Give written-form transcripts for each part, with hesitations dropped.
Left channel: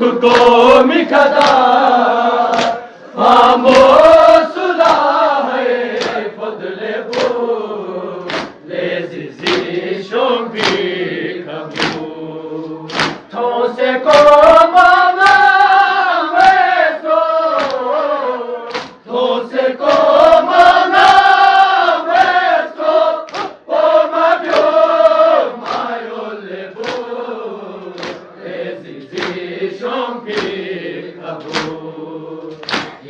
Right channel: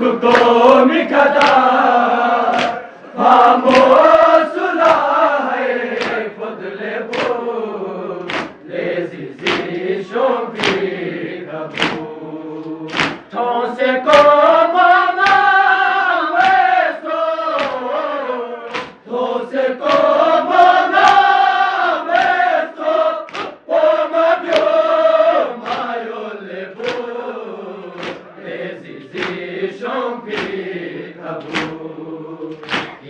को मिकदा famosulla hai fadle bo lezizi shombi kabu those ko mana veso those ko mana veso o mabyo mayo lebo lezizi shombi kabu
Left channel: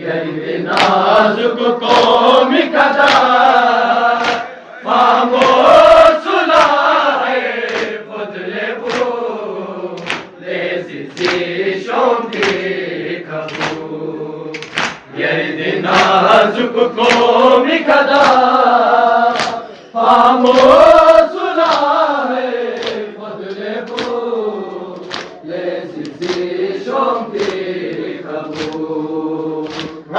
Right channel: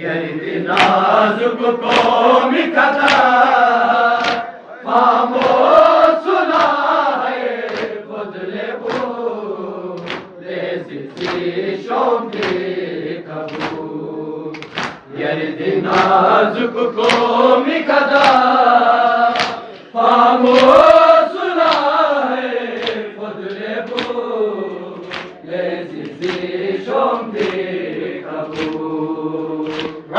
Yeri nazuk ko mikada famosulla hai fadle bo lezizi shombi kabu Yeri nazuk ko mikada famosulla hai fadle bo lezizi shombi kabu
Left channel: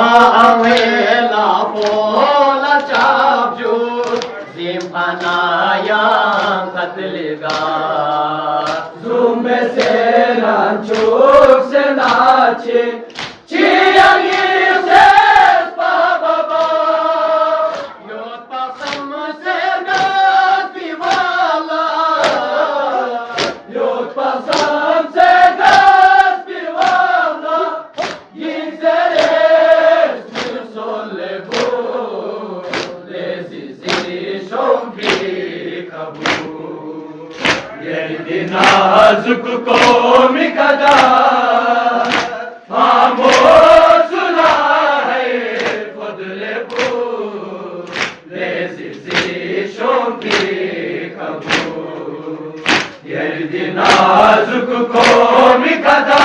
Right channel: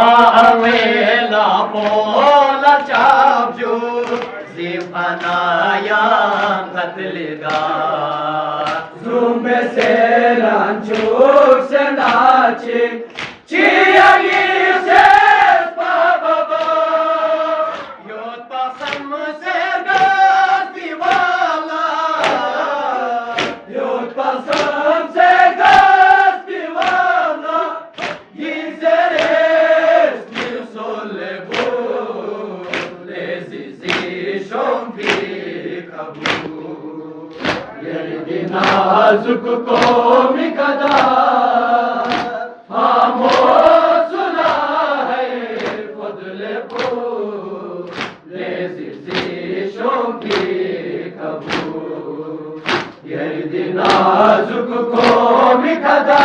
Awela pola chapju zimana yang katliga Zumbe se ranchuk se nachi Chiyangi se bababa Yot pasam se gas piwala Yot pasam se gas piwala Gizere Yeri nazuk ko mikada famosulla hai fadle bo lezizi shombi kabu Yeri nazuk ko mikada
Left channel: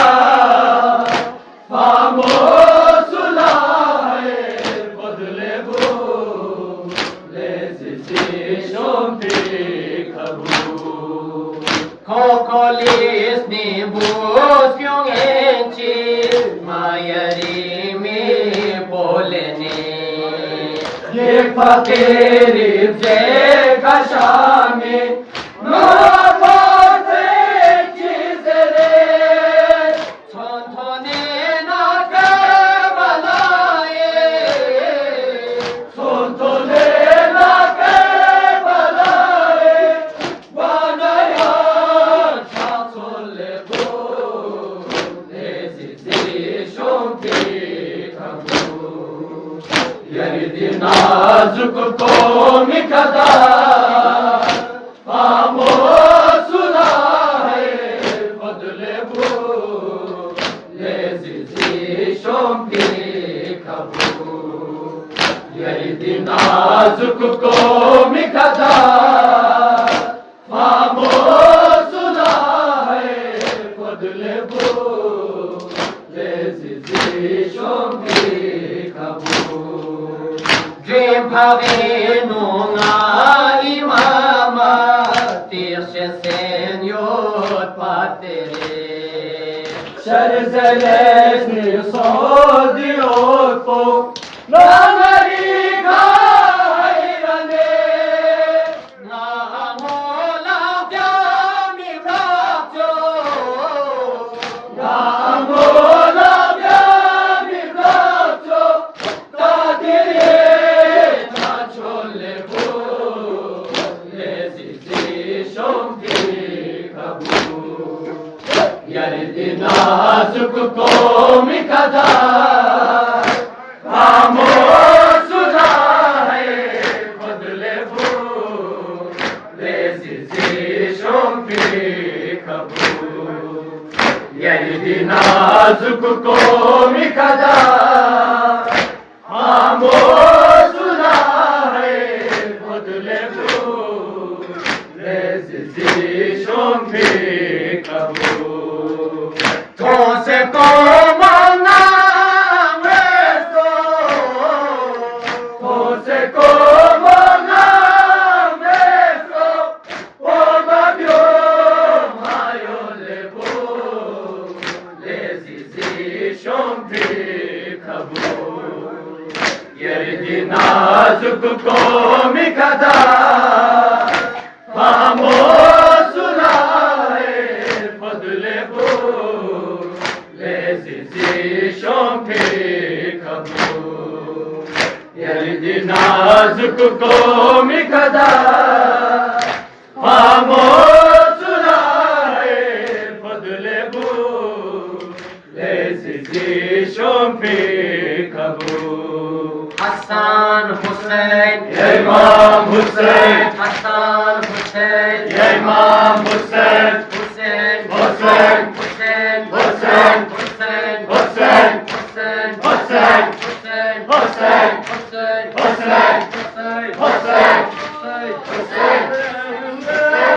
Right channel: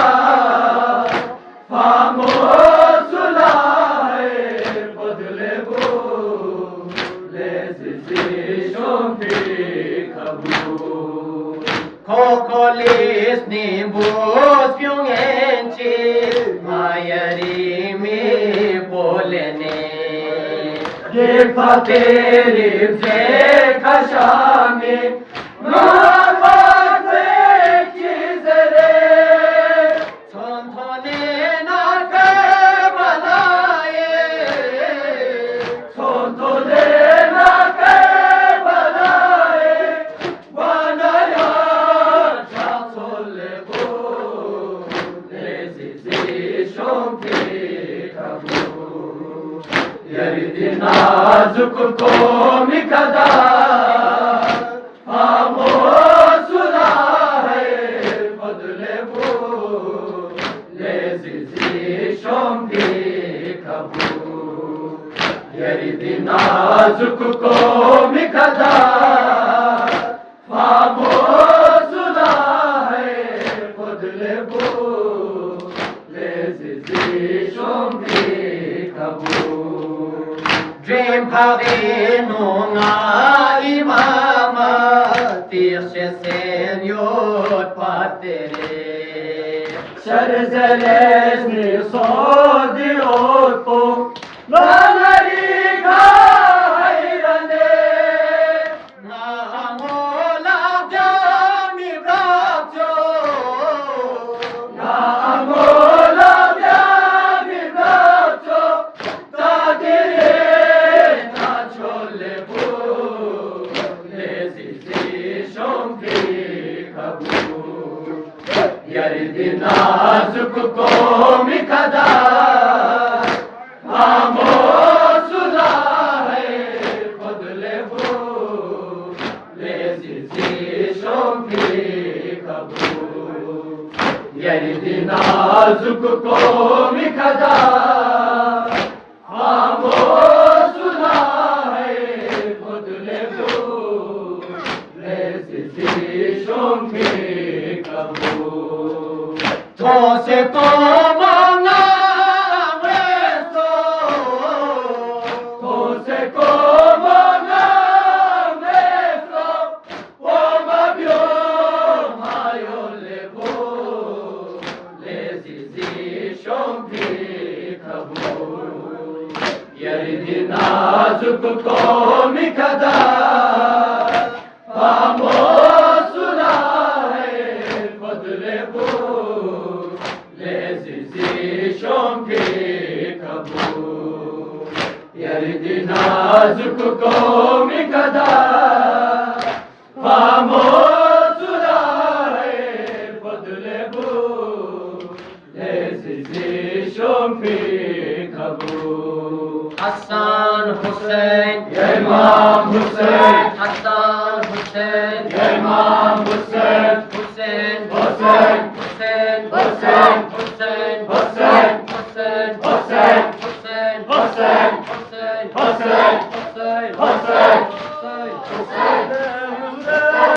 famosulla hai fadle bo lezizi shombi kabu Kokolis ni bus kyung enchi mayari mi bolene Ye fakiri se kashami no pase chizere Sontone na ke balaye Sontone na ke balaye Wanaya Yeri nazuk ko mikada famosulla hai fadle bo lezizi shombi kabu Yeri nazuk ko mikada famosulla hai fadle bo lezizi shombi kabu Dream havenu na imama Tirse senyor patere Şerzeles mi sodiyotu Nanarika hayrane Namola vyami vratyo Namola vyami vratyo Tadiri Yeri nazuk ko mikada famosulla hai fadle bo lezizi shombi kabu Yeri nazuk ko mikada famosulla hai fadle bo lezizi shombi kabu Those ko mana veso Those ko mana veso O mabyo mayo lebo lezizi shombi kabu Yeri nazuk ko mikada famosulla hai fadle bo عزیزشون پیکبو یعنی نازک قومی کدا فاموزلای فضل بو عزیزشون پیکبو حسن حسین امام حسین حسن حسین امام حسین